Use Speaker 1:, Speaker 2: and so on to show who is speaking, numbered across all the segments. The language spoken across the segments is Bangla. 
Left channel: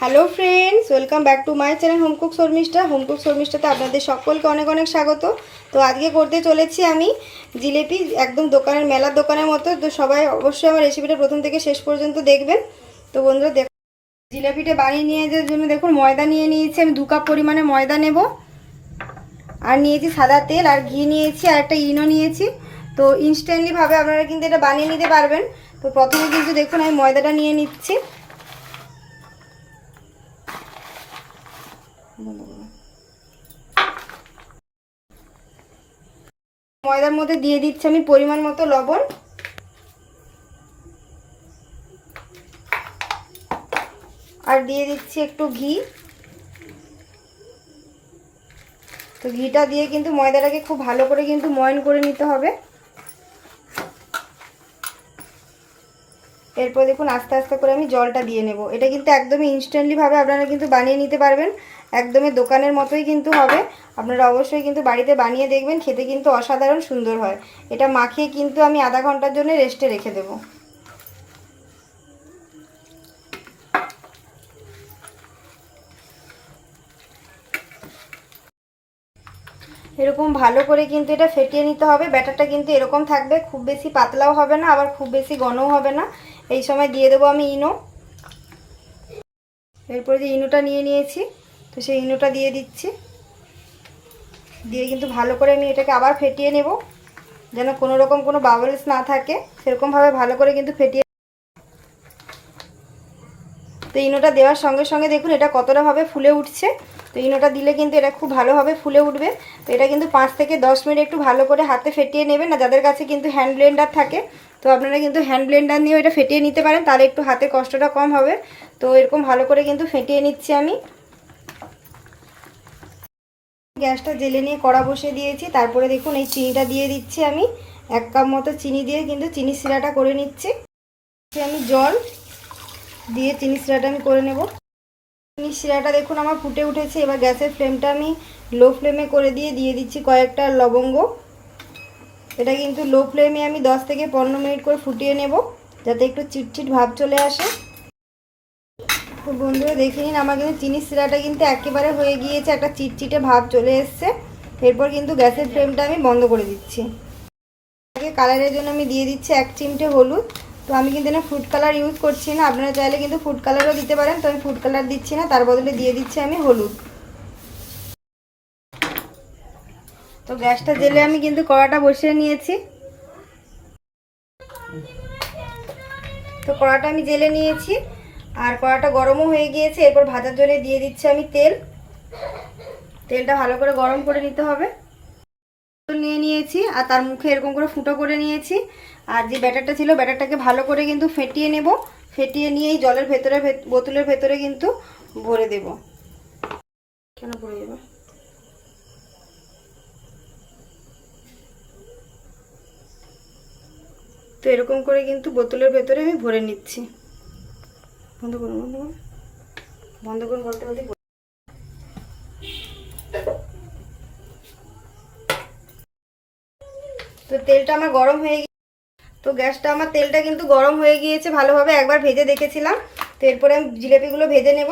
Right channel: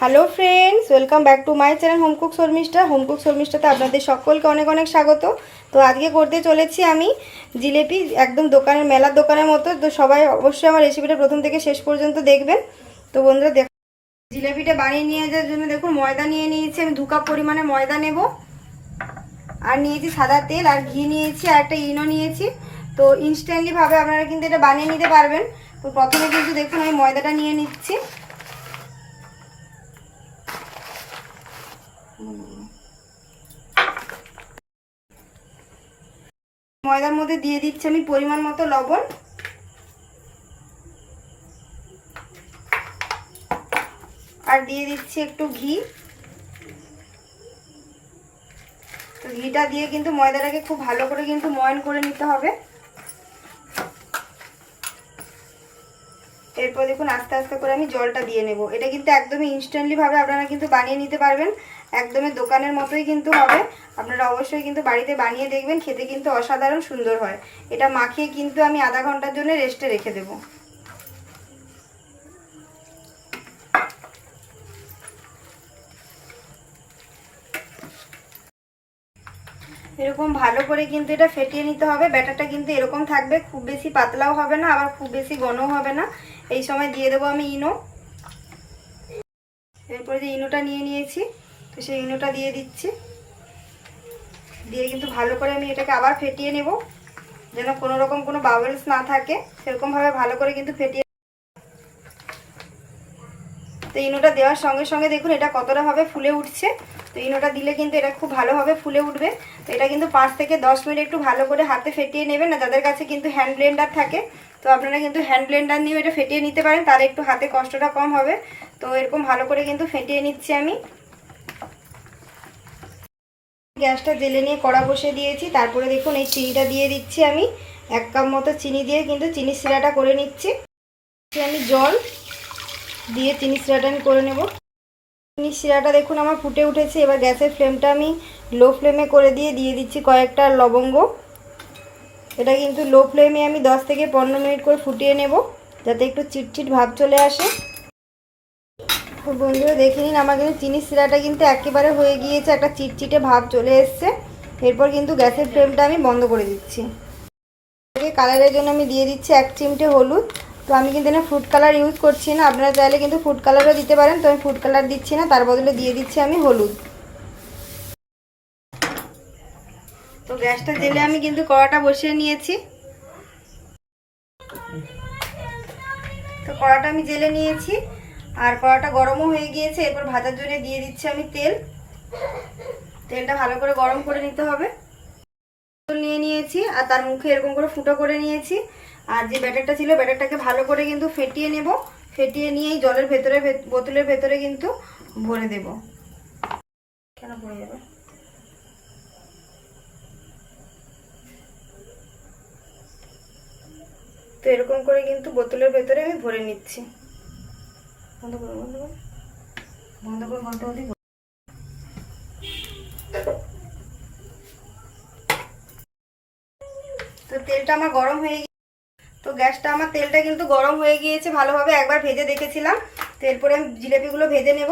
Speaker 1: Hello friends, welcome back to my channel home cook Sharmistha. Home cook শর্মিষ্ঠাতে আপনাদের সকলকে অনেক অনেক স্বাগত। তো আজকে করতে চলেছি আমি জিলেপি, একদম দোকানের, মেলার দোকানের মতো। তো সবাই অবশ্যই আমার রেসিপিটা প্রথম থেকে শেষ পর্যন্ত দেখবেন। তো বন্ধুরা, দেখ জিলেপিটা বানিয়ে নিয়ে যাওয়ার জন্য দেখুন, ময়দা নিয়ে নিয়েছি আমি, দু কাপ পরিমাণে ময়দা নেব। আর নিয়েছি সাদা তেল, আর ঘি নিয়েছি, আর একটা ইনো নিয়েছি। তো ইনস্ট্যান্টলিভাবে আপনারা কিন্তু এটা বানিয়ে নিতে পারবেন। তো প্রথমে কিন্তু দেখুন, আমি ময়দাটা নিয়ে নিচ্ছি। ময়দার মধ্যে দিয়ে দিচ্ছি আমি পরিমাণ মতো লবণ। আর দিয়ে দিচ্ছি একটু ঘি। তো ঘিটা দিয়ে কিন্তু ময়দাটাকে খুব ভালো করে কিন্তু ময়ন করে নিতে হবে। এরপর দেখুন আস্তে আস্তে করে আমি জলটা দিয়ে নেব। এটা কিন্তু একদমই ইনস্ট্যান্টলি ভাবে আপনারা কিন্তু বানিয়ে নিতে পারবেন। একদমই দোকানের মতোই কিন্তু হবে। আপনারা অবশ্যই কিন্তু বাড়িতে বানিয়ে দেখবেন, খেতে কিন্তু অসাধারণ সুন্দর হয়। এটা মাখিয়ে কিন্তু আমি আধা ঘণ্টার জন্য রেস্টে রেখে দেবো। এরকম ভালো করে কিন্তু এটা ফেটিয়ে নিতে হবে। ব্যাটারটা কিন্তু এরকম থাকবে, খুব বেশি পাতলাও হবে না, আবার খুব বেশি ঘনও হবে না। এই সময় দিয়ে দেবো আমি ইনো। এরপরে যে ইনোটা নিয়ে নিয়েছি তো সেই ইনোটা দিয়ে দিচ্ছি। দিয়ে কিন্তু ভালো করে আমি এটাকে আবার ফেটিয়ে নেব, যেন কোনো রকম কোনো বাবলস না থাকে। সেরকমভাবে ভালো করে কিন্তু ফেটিয়ে তো ইনোটা দেওয়ার সঙ্গে সঙ্গে দেখুন এটা কতটাভাবে ফুলে উঠছে। তো ইনোটা দিলে কিন্তু এটা খুব ভালোভাবে ফুলে উঠবে। তো এটা কিন্তু পাঁচ থেকে দশ মিনিট একটু ভালো করে হাতে ফেটিয়ে নেবেন। না যাদের কাছে কিন্তু হ্যান্ড ব্লেন্ডার থাকে, তো আপনারা কিন্তু হ্যান্ড ব্লেন্ডার নিয়েও এটা ফেটিয়ে নিতে পারেন। তাহলে একটু হাতে কষ্টটা কম হবে। তো এরকম ভালো করে কিন্তু ফেটিয়ে নিচ্ছি আমি। গ্যাসটা জেলে নিয়ে কড়া বসে দিয়েছি। তারপরে দেখুন এই চিনিটা দিয়ে দিচ্ছি আমি। এক কাপ মতো চিনি দিয়ে কিন্তু চিনি শিরাটা করে নিচ্ছি। আমি জল দিয়ে চিনি শিরাটা আমি করে নেব। চিনি শিরাটা দেখুন আমার ফুটে উঠেছে। এবার গ্যাসের ফ্লেমটা আমি লো ফ্লেমে করে দিয়ে দিয়ে দিচ্ছি কয়েকটা লবঙ্গ। এটা কিন্তু লো ফ্লেমে আমি 10 থেকে পনেরো মিনিট করে ফুটিয়ে নেব। যাতে একটু চিটচিট ভাব চলে আসে। তো বন্ধুরা দেখে নিন, আমার কিন্তু চিনি শিরাটা কিন্তু একেবারে হয়ে গিয়েছে, একটা চিটচিটে ভাব চলে এসছে। এরপর কিন্তু গ্যাসের ফ্লেমটা আমি বন্ধ করে দিচ্ছি। কালারের জন্য আমি দিয়ে দিচ্ছি এক চিমটে হলুদ। তো আমি কিন্তু না ফুড কালার ইউজ করছি না, আপনারা চাইলে কিন্তু ফুড কালারও দিতে পারেন, তো আমি ফুড কালার দিচ্ছি না, তার বদলে দিয়ে দিচ্ছি আমি হলুদ। তো গ্যাসটা জেলে আমি কিন্তু কড়াটা বসিয়ে নিয়েছি। তো কড়াটা আমি জেলে নিয়েছি। আর কড়াটা গরমও হয়ে গিয়েছে, এরপর ভাজার জলে দিয়ে দিচ্ছি আমি তেল। তেলটা ভালো করে গরম করে নিতে হবে। নিয়ে নিয়েছি, আর তার মুখে এরকম করে ফুটো করে নিয়েছি। আর যে ব্যাটারটা ছিল, ব্যাটারটাকে ভালো করে কিন্তু ফেটিয়ে নেব। ফেটিয়ে নিয়ে জলের ভেতরে বোতলের ভেতরে কিন্তু ভরে দেব। কেন পড়ে যাবে? তো এরকম করে কিন্তু বোতলের ভেতরে আমি ভরে নিচ্ছি। বন্ধ করুন বন্ধ করুন। বন্ধ করুন বলতে বলতে তো তেলটা আমার গরম হয়ে তো গ্যাসটা আমার তেলটা কিন্তু গরম হয়ে গিয়েছে, ভালোভাবে একবার ভেজে দেখেছিলাম। তো এরপরে আমি জিলেপিগুলো ভেজে নেব।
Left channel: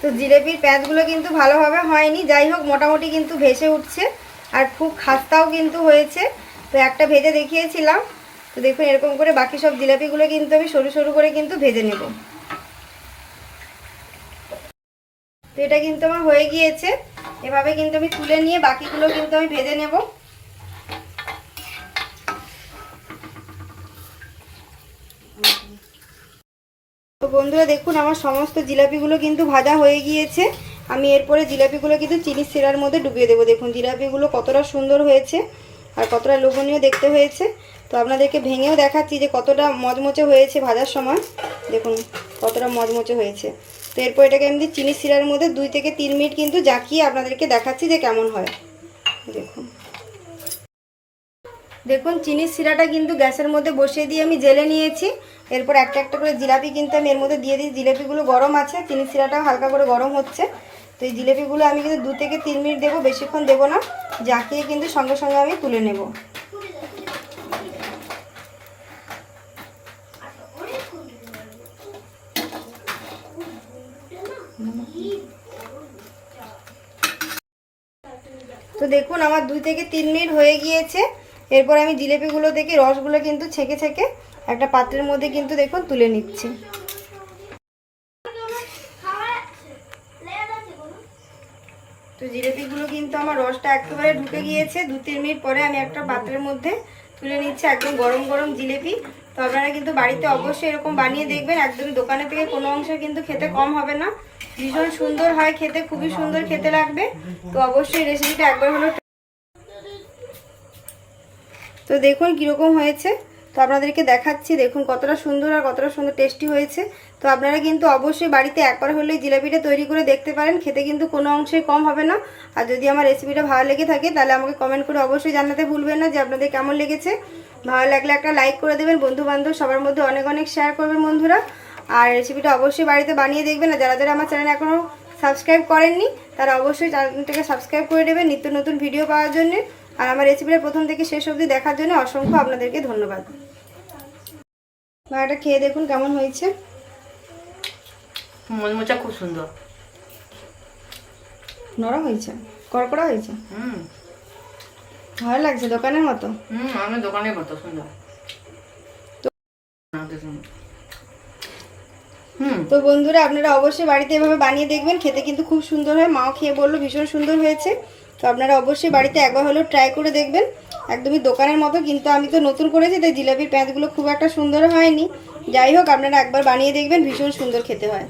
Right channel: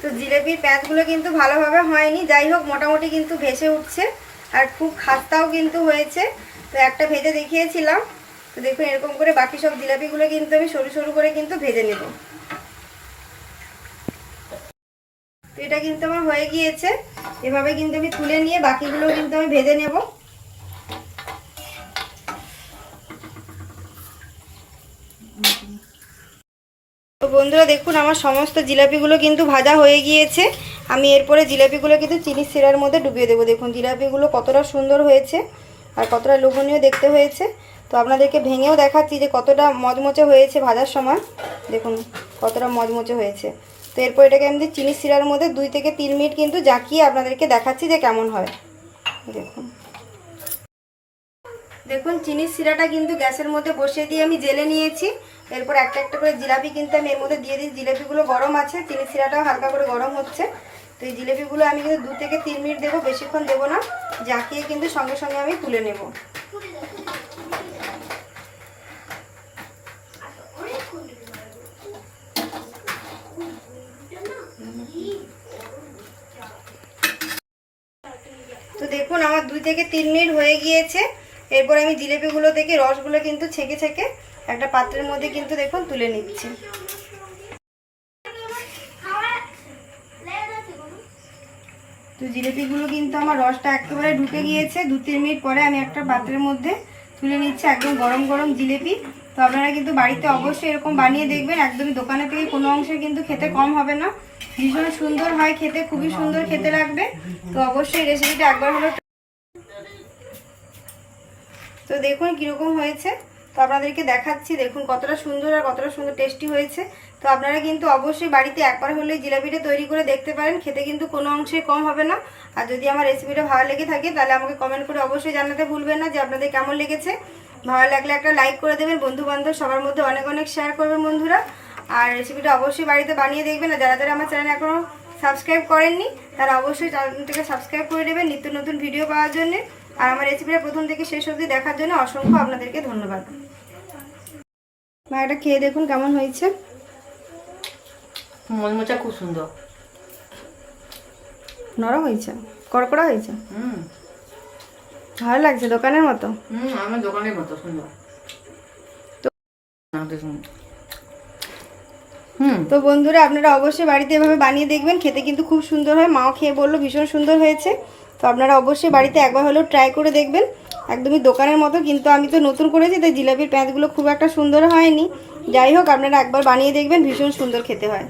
Speaker 1: তো জিলেপির প্যাঁচগুলো কিন্তু ভালোভাবে হয়নি। যাই হোক, মোটামুটি কিন্তু ভেসে উঠছে আর খুব খাস্তাও কিন্তু হয়েছে। তো একটা ভেজে দেখিয়েছিলাম। তো দেখুন, এরকম করে বাকি সব জিলাপিগুলো কিন্তু আমি সরু সরু করে কিন্তু ভেজে নেব। তো এটা কিন্তু আমার হয়ে গিয়েছে। এভাবে কিন্তু আমি তুলে নিয়ে বাকিগুলো কিন্তু আমি ভেজে নেব। তো বন্ধুরা দেখুন, আমার সমস্ত জিলাপিগুলো কিন্তু ভাজা হয়ে গিয়েছে। আমি এরপরে জিলাপিগুলো কিন্তু চিনি শিরার মধ্যে ডুবিয়ে দেবো। দেখুন, জিলাপিগুলো কতটা সুন্দর হয়েছে আর কতটা লোভনীয় দেখতে হয়েছে। তো আপনাদেরকে ভেঙেও দেখাচ্ছি যে কতটা মজমচে হয়েছে ভাজার সময়। দেখুন, কতটা মজমচে হয়েছে। তো এরপর এটাকে আমি চিনি শিরার মধ্যে দুই থেকে তিন মিনিট কিন্তু জাকিয়ে আপনাদেরকে দেখাচ্ছি যে কেমন হয়। দেখুন। দেখুন, চিনির শিরাটা কিন্তু গ্যাসের মধ্যে বসিয়ে দিয়ে আমি জেলে নিয়েছি। এরপর একটা একটা করে জিলাপি কিন্তু আমি এর মধ্যে দিয়ে দিই। জিলাপিগুলো গরম আছে চিনি সিরাটাও হালকা করে গরম হচ্ছে। তো এই জিলাপিগুলো আমি কিন্তু দু থেকে তিন মিনিট দেবো, বেশিক্ষণ দেবো না। জাকিয়ে কিন্তু সঙ্গে সঙ্গে আমি তুলে নেব। তো দেখুন, আমার দুই থেকে তিন মিনিট হয়ে গিয়েছে। এরপর আমি জিলেপিগুলো থেকে রসগুলো কিন্তু ছেঁকে ছেঁকে একটা পাত্রের মধ্যে কিন্তু দেখুন তুলে নিচ্ছি। তো জিলেপিগুলো কিন্তু আমার রসটা একেবারে ঢুকে গিয়েছে। দু, তিন মিনিট পরে আমি একটা পাত্রের মধ্যে তুলে নিচ্ছি একদম গরম গরম জিলেপি। তো আপনারা কিন্তু বাড়িতে অবশ্যই এরকম বানিয়ে দেখবেন। একদমই দোকানে থেকে কোনো অংশে কিন্তু খেতে কম হবে না। ভীষণ সুন্দর হয় খেতে, খুবই সুন্দর খেতে লাগবে। তো অবশ্যই রেসিপিটা একবার হলো তো দেখুন কীরকম হয়েছে। তো আপনাদেরকে দেখাচ্ছি, দেখুন কতটা সুন্দর আর কতটা সুন্দর টেস্টি হয়েছে। তো আপনারা কিন্তু অবশ্যই বাড়িতে একবার হলে জিলাপিটা তৈরি করে দেখতে পারেন, খেতে কিন্তু কোনো অংশে কম হবে না। আর যদি আমার রেসিপিটা ভালো লেগে থাকে, তাহলে আমাকে কমেন্ট করে অবশ্যই জানাতে ভুলবেন না যে আপনাদের কেমন লেগেছে। ভালো লাগলে একটা লাইক করে দেবেন বন্ধু বান্ধব সবার মধ্যে অনেক অনেক শেয়ার করবেন বন্ধুরা। আর রেসিপিটা অবশ্যই বাড়িতে বানিয়ে দেখবেন, আর যারা যারা আমার চ্যানেল এখনও সাবস্ক্রাইব করেননি, তারা অবশ্যই চ্যানেলটাকে সাবস্ক্রাইব করে দেবেন নিত্য নতুন ভিডিও পাওয়ার জন্য। আর আমার রেসিপিটা প্রথম থেকে শেষ অবধি দেখার জন্য অসংখ্য আপনাদেরকে ধন্যবাদ। এটা খেয়ে দেখুন কেমন হয়েছে।
Speaker 2: মলমোচা খুব সুন্দর।
Speaker 1: নরম হয়েছে? কড়কড়া হয়েছে?
Speaker 2: হুম।
Speaker 1: ভালো লাগছে দোকানের মতো?
Speaker 2: হুম আমার দোকানের মতো সুন্দর। হুম।
Speaker 1: তো বন্ধুরা আপনারা অবশ্যই বাড়িতে এভাবে বানিয়ে দেখবেন। খেতে কিন্তু খুব সুন্দর হয়। মাও খেয়ে বলল ভীষণ সুন্দর হয়েছে। তো আপনারা অবশ্যই বাড়িতে একবার হলেও ট্রাই করে দেখবেন। একদমই দোকানের মতো, কিন্তু আমি তো নতুন করেছি, তাই জিলাপির প্যাঁচগুলো খুব একটা সুন্দর হয়নি। যাই হোক, আপনারা একবার বানিয়ে দেখবেন, ভীষণ সুন্দর খেতে হয়।